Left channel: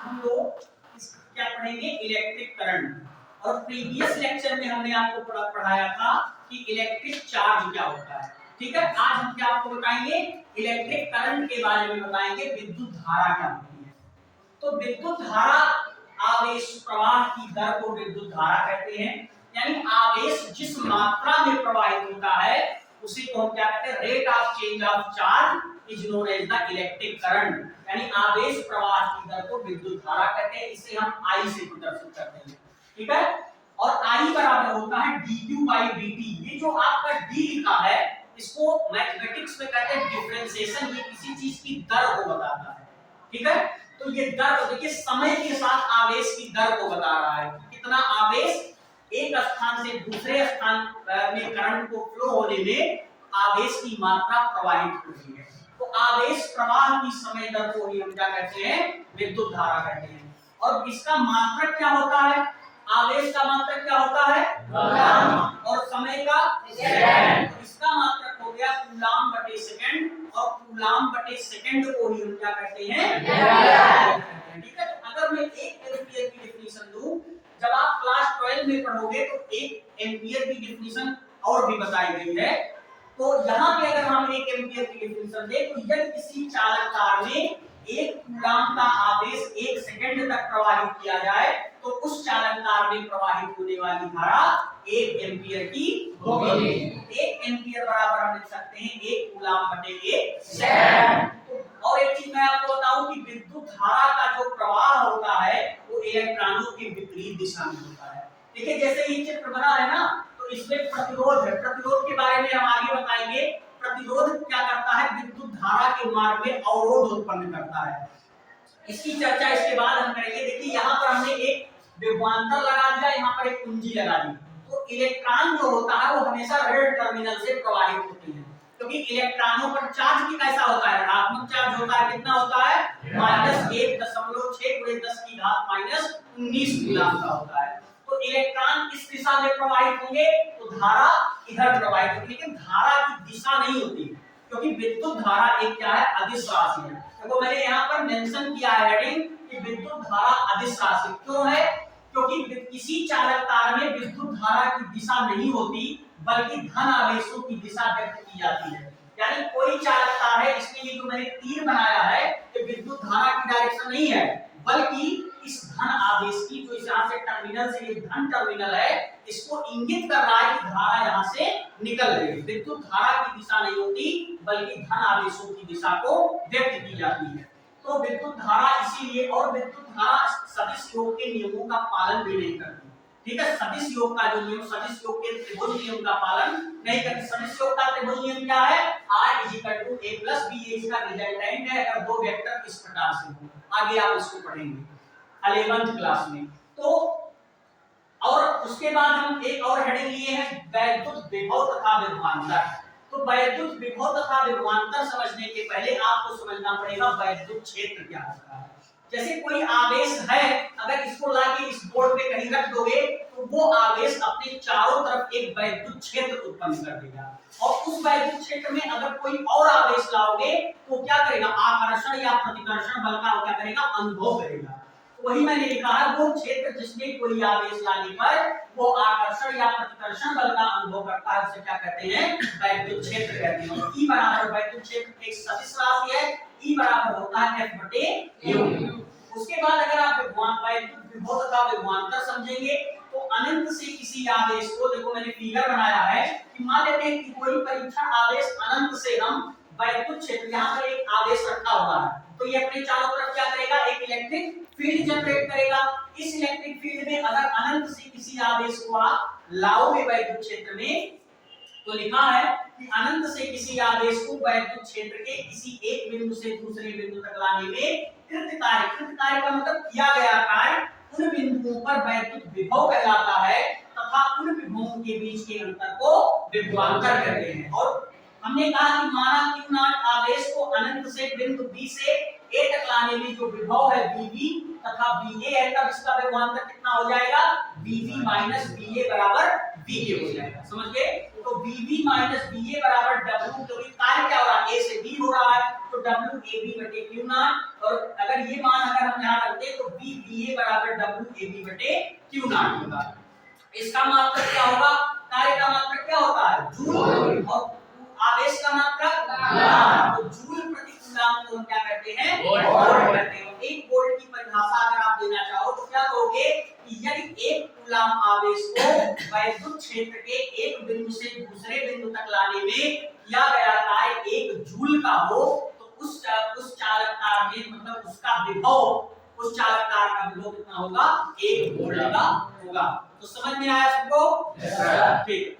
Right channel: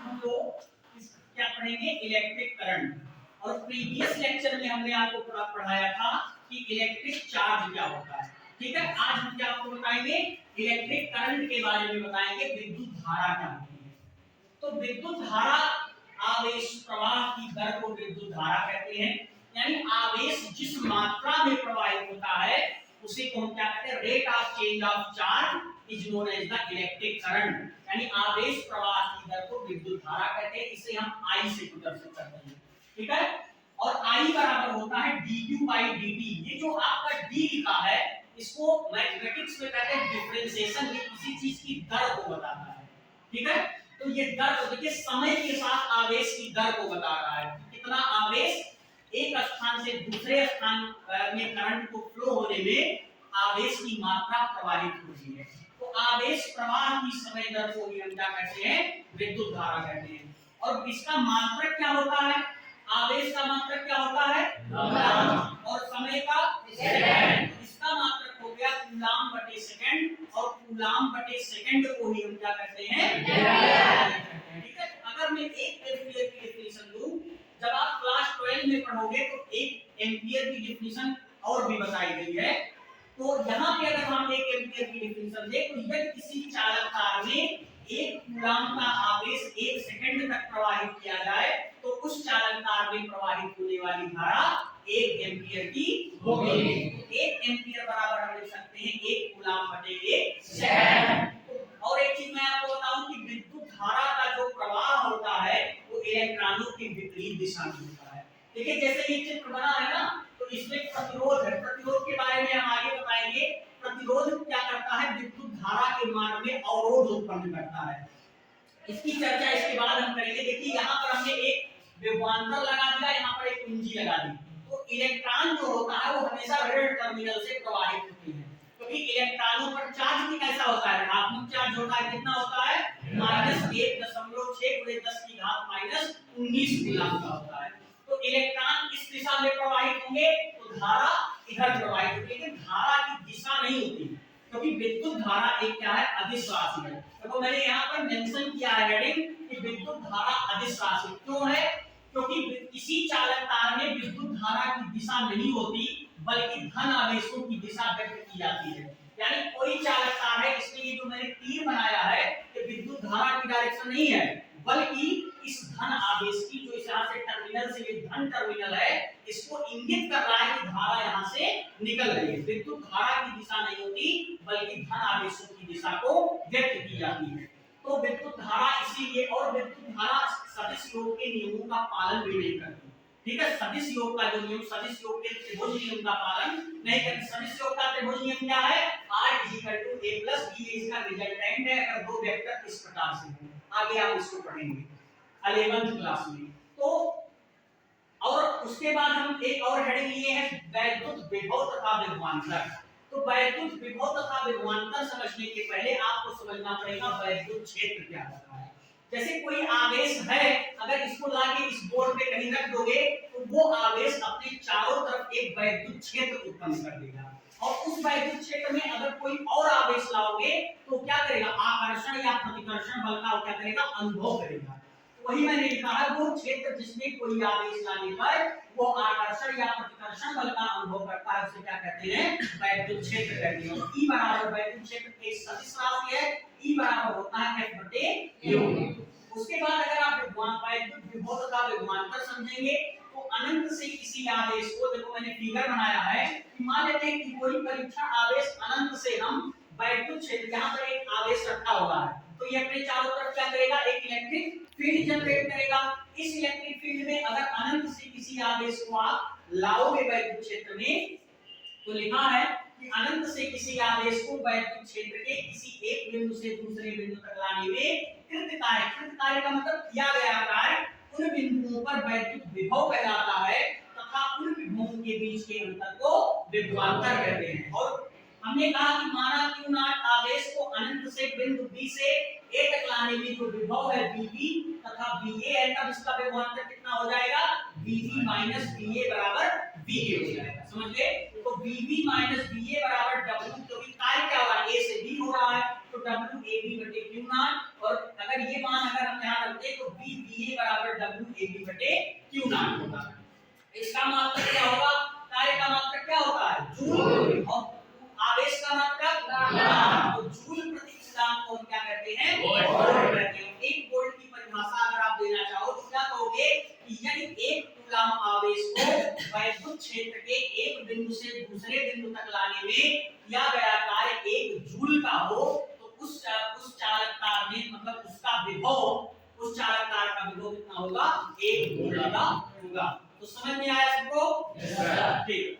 हम लोग क्या पढ़ेंगे, इलेक्ट्रिक करंट। और प्रीवियस लेक्चर में हमने आपको पढ़ाया था कि इलेक्ट्रिक चार्ज क्या होता है। ठीक है, आज हम क्या आपको बताएंगे, इलेक्ट्रिक करंट के बारे में बताएंगे, विद्युत धारा क्या होती है। तो विद्युत धारा आवेश प्रवाह की दर को विद्युत धारा कहते हैं, यानी आवेश जिस मात्रा में प्रवाहित होता है उसी को हम क्या कहते हैं, rate of change of charge is known as the electric current, यानी आवेश प्रवाह की दर को विद्युत धारा कहते हैं। इसे हम I से प्रदर्शित करते हैं। ठीक है, और I बराबर होता है dQ by dt। ये जो आपका D लिखा है इसको मैथमेटिक्स में कहते हैं डिफरेंशिएशन, ये किसी चीज की दर को बताता है। ठीक है, तो ये दर देखिए समय के साथ आवेश की दर को बता रहा है, कितना आवेश एक स्थान से दूसरे स्थान में करंट को फ्लो होने में आवेश की मात्रा प्रवाहित हो रही है। तो आवेश प्रवाह की समय दर को ही हम क्या कहते हैं, विद्युत धारा कहते हैं। और इसका मात्रक क्या होता है, आवेश का मात्रक क्या होता है, कूलम, और समय का सेकंड। इसका मात्रक हो गया कूलम बटे सेकंड, और कूलम बटे सेकंड को ही हम क्या कहते हैं। ठीक है, अगर मैं 1 एम्पीयर की डेफिनेशन दूं, जब आप क्लास 12 में पढ़ोगे तो 1 एम्पीयर की डेफिनेशन और भी बताई गई है। तो यहाँ पे अगर हम 1 एम्पीयर की डेफिनेशन दें तो यदि किसी चालक तार में 1 कूलम का आवेश 1 सेकंड तक प्रवाहित किया जाए तो उस चालक तार में प्रवाहित होने वाली धारा 1 एम्पीयर की होगी। 1 एम्पीयर बराबर हम लिख सकते हैं 1 कूलम बटे 1 सेकंड। और एक चीज मैं आपको बताऊं कि विद्युत धारा का जो प्रवाह होता है वो इलेक्ट्रॉनों के विपरीत दिशा में होता है। देखिए जैसे ये चित्र बना है ना, तो इसमें प्रतिरोध है, प्रतिरोध के बारे में हम आगे बताएंगे। प्रतिरोध क्या करता है, विद्युत धारा के मार्ग में अवरोध उत्पन्न करता है। इसकी चर्चा इसके बाद हम करेंगे। देखिए यहाँ पर हमने एक विभवांतर लगा दिया, यहाँ पर एक कुंजी लगा दी। तो इलेक्ट्रॉन जो होता है वो हमेशा ऋण टर्मिनल से प्रवाहित होते हैं, क्योंकि इलेक्ट्रॉनों पर चार्ज भी कैसा होता है, ऋणात्मक चार्ज होता है। कितना होता है, -1.6 × 10⁻⁻19 कूलम का होता है। तो इलेक्ट्रॉन इस दिशा में प्रवाहित होंगे तो धारा इधर प्रवाहित होगी, लेकिन धारा की दिशा नहीं होती, क्योंकि विद्युत धारा एक क्या है, अदिश राशि है। देखो मैंने यहाँ पर मेंशन किया है हेडिंग कि विद्युत धारा अदिश राशि क्यों है, क्योंकि किसी चालक तार में विद्युत धारा की दिशा नहीं होती बल्कि धन आवेशों की दिशा व्यक्त की जाती है। यानी कोई चालक तार है, इसमें ये जो मैंने तीर बनाया है ये विद्युत धारा की डायरेक्शन नहीं है, बल्कि इस धन आवेश की, जो यहाँ से टर्मिनल से ये धन टर्मिनल है, इसको इंगित कर रहा है कि धारा यहाँ से निकल रही है। विद्युत धारा की दिशा नहीं होती बल्कि धन आवेशों की दिशा को व्यक्त की जाती है। तो विद्युत धारा इसीलिए, और विद्युत धारा सदिश योग के नियमों का पालन भी नहीं करती। ठीक है, सदिश योग का जो नियम, सदिश योग के त्रिभुज नियम का पालन नहीं करती। सदिश योग का त्रिभुज नियम क्या है, I = A + B, ये इसका रिजल्टेंट है अगर दो वेक्टर इस प्रकार से हो। आगे आप इसको पढ़ेंगे 11th क्लास में। तो और उसके बाद हम एक और हेडिंग लिए हैं, वैद्युत विभव तथा विभवांतर। तो वैद्युत विभव तथा विभवांतर समझने के पहले आपको समझना पड़ेगा वैद्युत क्षेत्र क्या होता है। जैसे कोई आवेश है, अगर इसको लाके इस बोर्ड पे कहीं रख दोगे तो वो आवेश अपने चारों तरफ एक वैद्युत क्षेत्र उत्पन्न कर देगा, और उस वैद्युत क्षेत्र में अगर कोई और आवेश लाओगे तो क्या करेगा, आकर्षण या प्रतिकर्षण बल का क्या करेगा, अनुभव करेगा। वही मैंने लिखा है, वो क्षेत्र जिसमें कोई आवेश लाने पर वो आकर्षण या प्रतिकर्षण बल का अनुभव करता है, उसे क्या कहते हैं, वैद्युत क्षेत्र कहते हैं। E बराबर वैद्युत क्षेत्र एक सदिश राशि है, E बराबर होता है F/U। उसके बाद अगर आप वैद्युत विभव तथा विभवांतर समझेंगे तो अनंत से किसी आवेश को, देखो मैंने फिगर बनाया है कि मान लेते हैं कि कोई परीक्षण आवेश अनंत से हम वैद्युत क्षेत्र, यहाँ पर एक आवेश रखा हुआ है, तो ये अपने चारों तरफ क्या करेगा, एक इलेक्ट्रिक फील्ड जनरेट करेगा। इस इलेक्ट्रिक फील्ड में अगर अनंत से किसी आवेश को आप लाओगे वैद्युत क्षेत्र में, तो लिखा है कि अनंत से किसी आवेश को वैद्युत क्षेत्र के किसी एक बिंदु से दूसरे बिंदु तक लाने में कृत कार्य का मतलब किया गया कार्य उन बिंदुओं पर वैद्युत विभव कहलाता है, तथा उन विभवों के बीच के अंतर को विभवांतर कहते हैं। और हमने कहा कि माना q नॉट आवेश को अनंत से बिंदु B से A तक लाने में जो विभव है VV तथा VA है, तब इसका विभवांतर कितना हो जाएगा, VV - VA = VK हो जाएगा। समझ गए, तो VV - VA = W, क्योंकि कार्य क्या हो रहा है, A से B हो रहा है, तो WAB/Q नॉट। और अगर ये मान अगर हम यहाँ रखते तो V VA बराबर W AB बटे Q नॉट होगा। इसका मात्रक क्या होगा? कार्य का मात्रक क्या होता है? जूल, और आवेश का मात्रक कूलाम। तो जूल प्रति कूलाम को हम क्या करते हैं? वोल्ट करते हैं। एक वोल्ट की परिभाषा अगर आप देना चाहो तो क्या कहोगे कि यदि एक कूलाम आवेश को वैद्युत क्षेत्र के एक बिंदु से दूसरे बिंदु तक लाने में किया गया कार्य 1 जूल का हो तो उस चालक तार में मतलब उसका विभव, उस चालक तार का विभव कितना होगा? 1 वोल्ट का होगा। तो समझ में आया सबको? ठीक।